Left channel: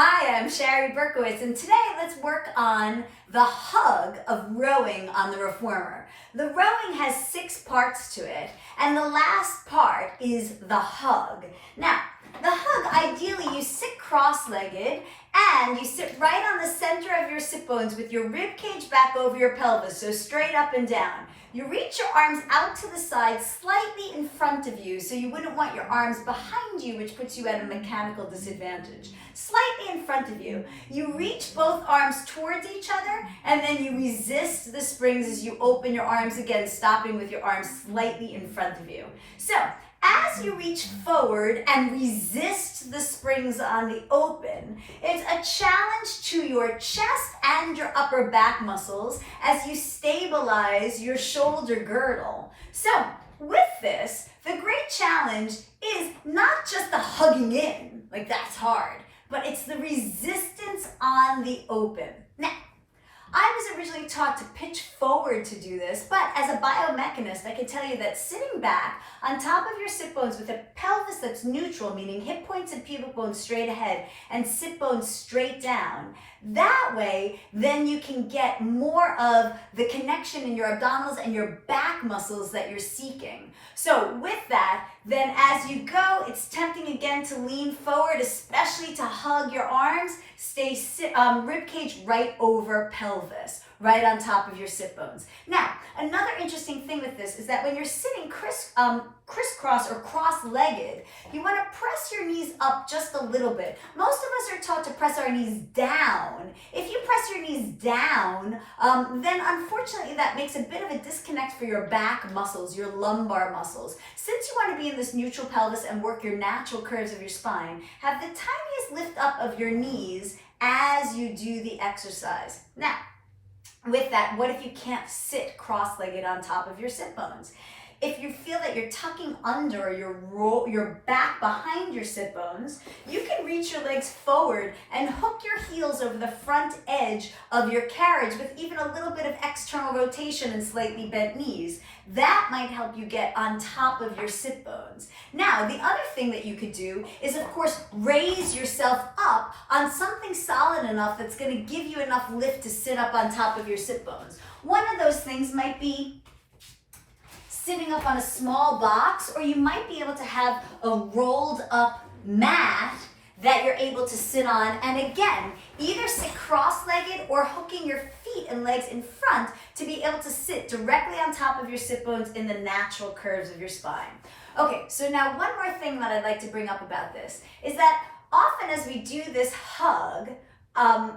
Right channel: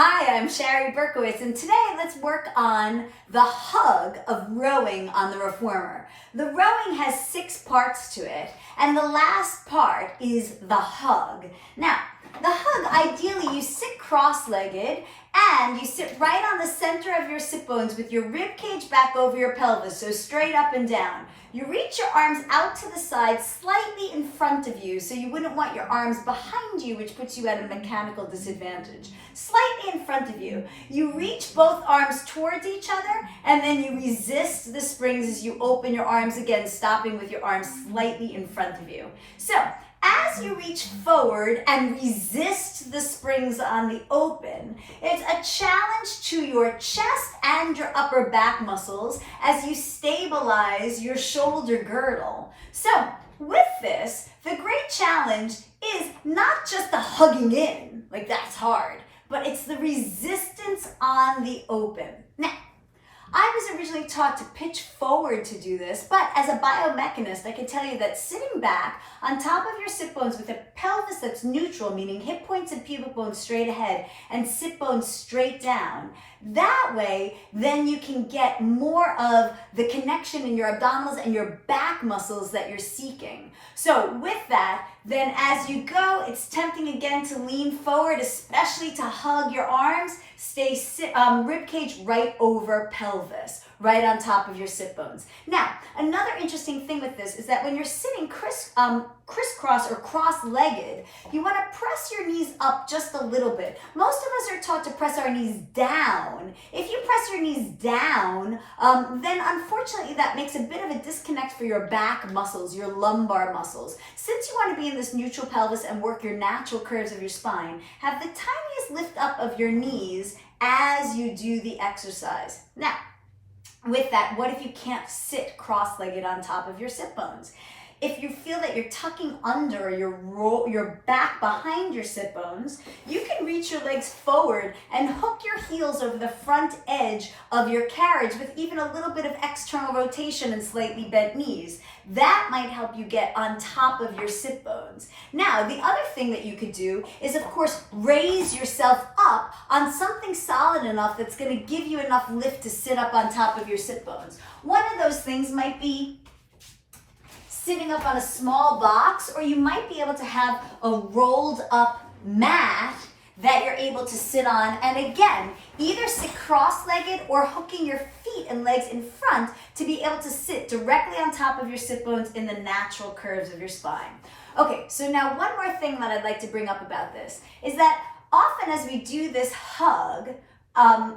Hi, I'm Shari Berkowitz, and today let's work on the hug of rowing on the reformer. The rowing has 6 parts to it, and the last part is the hug. Now, the hug, ideally you sit cross-legged and you sit right on the center of your sit bones with your rib cage back over your pelvis, so straight up and down. You reach your arms out to the side, slightly in front of you, so you wouldn't want your arms behind you, which puts you at a mechanical disadvantage. Slightly in front of you. You reach both arms towards each other, and then you resist the springs as you open your arms again, stopping with your arms slightly in front of you. So, as you reach forward and resist the springs on the open, it's a challenge to your chest and your upper back muscles as you stabilize your shoulder girdle. So, with this, the great challenge is not just the hugging in, like that's hard, but it's the resistance on the open. Now, I was originally taught to pitch forward to do this, but as a biomechanist, I can tell you that sitting back on top of your sit bones with a pelvis that's neutral, meaning hip points and pubic bones straight ahead and sit bones straight down, that way, then you can get more of the connection in your abdominals and your back muscles that you're seeking. So with that, then as you go, it's tempting again to lean forward, especially to hug your arms. Stay rib cage right over pelvis, right on top of your sit bones. Now, another interesting thing with this is that when you're sitting crisscross or cross-legged, you want to press your knees up just a little bit. Most of us are taught to press our knees down. If you press your knees down, then unfortunately that makes a bit of a disconnect for your back muscles, your lumbar muscles. Since you want to be in this neutral pelvis and work your natural curves of your spine, have the tiniest lift up of your knees as you do the exercise. Now, with that, what if you can't sit cross-legged on top of your sit bones? If you feel that you're tucking under your back behind your sit bones, you can reach your legs forward and hook your heels over the front edge of your carriage with even a little bit of external rotation and slightly bent knees. That might help you get on top of your sit bones. Now, the other thing that you could do is, of course, raise yourself up on something solid enough that's going to give you enough lift to sit up on top of your sit bones. One of those things might be sitting up on a small box, or you might be able to have a rolled up mat that you're able to sit on, and again, either sit cross-legged or hooking your feet and legs in front to be able to sit directly on top of your sit bones in the natural curves of your spine. Okay, so now one more thing that I'd like to bring up about this is that often as we do this hug,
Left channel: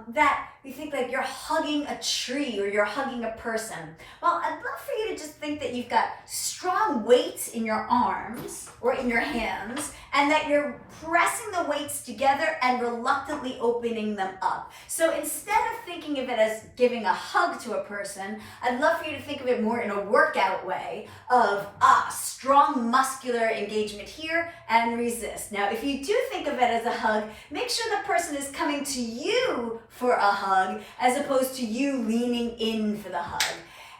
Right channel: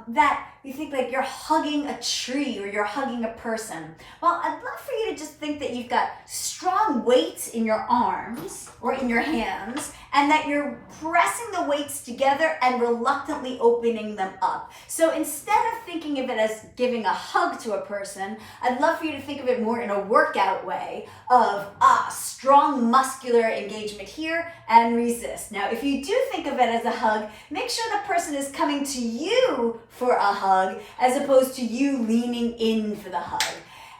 that you think like you're hugging a tree or you're hugging a person. Well, I'd love for you to just think that you've got strong weights in your arms or in your hands, and that you're pressing the weights together and reluctantly opening them up. So instead of thinking of it as giving a hug to a person, I'd love for you to think of it more in a workout way of strong muscular engagement here and resist. Now, if you do think of it as a hug, make sure the person is coming to you for a hug as opposed to you leaning in for the hug.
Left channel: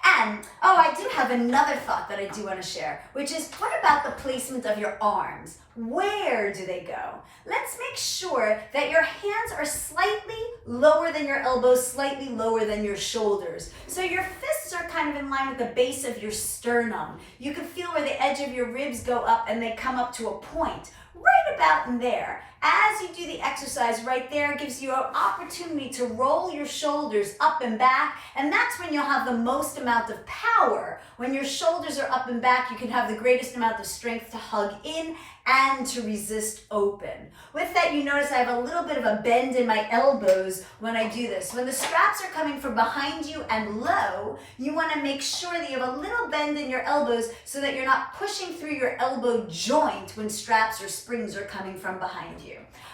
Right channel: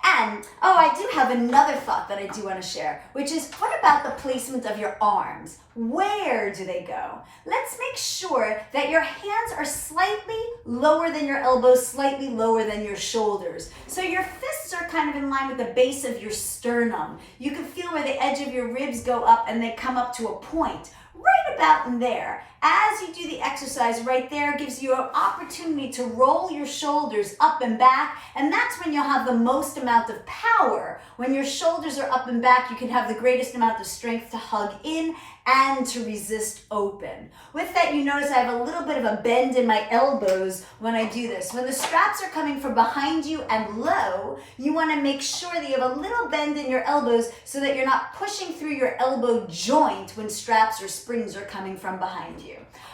And, I do have another thought that I do want to share, which is, what about the placement of your arms? Where do they go? Let's make sure that your hands are slightly lower than your elbows, slightly lower than your shoulders. So your fists are kind of in line with the base of your sternum. You can feel where the edge of your ribs go up and they come up to a point. Right about in there. As you do the exercise right there, gives you an opportunity to roll your shoulders up and back, and that's when you'll have the most amount of power. When your shoulders are up and back, you can have the greatest amount of strength to hug in and to resist open. With that, you notice I have a little bit of a bend in my elbows when I do this. When the straps are coming from behind you and low, you want to make sure that you have a little bend in your elbows so that you're not pushing through your elbow joint when straps or springs are coming from behind you.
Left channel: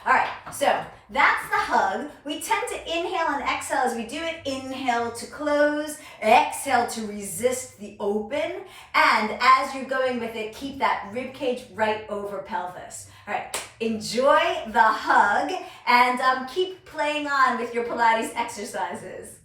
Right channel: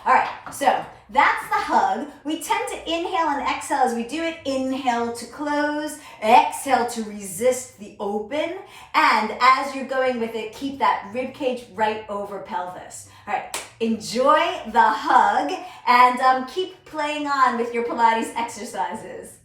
All right, so that's the hug. We tend to inhale and exhale as we do it. Inhale to close, exhale to resist the open, and as you're going with it, keep that rib cage right over pelvis. All right, enjoy the hug and keep playing on with your Pilates exercises.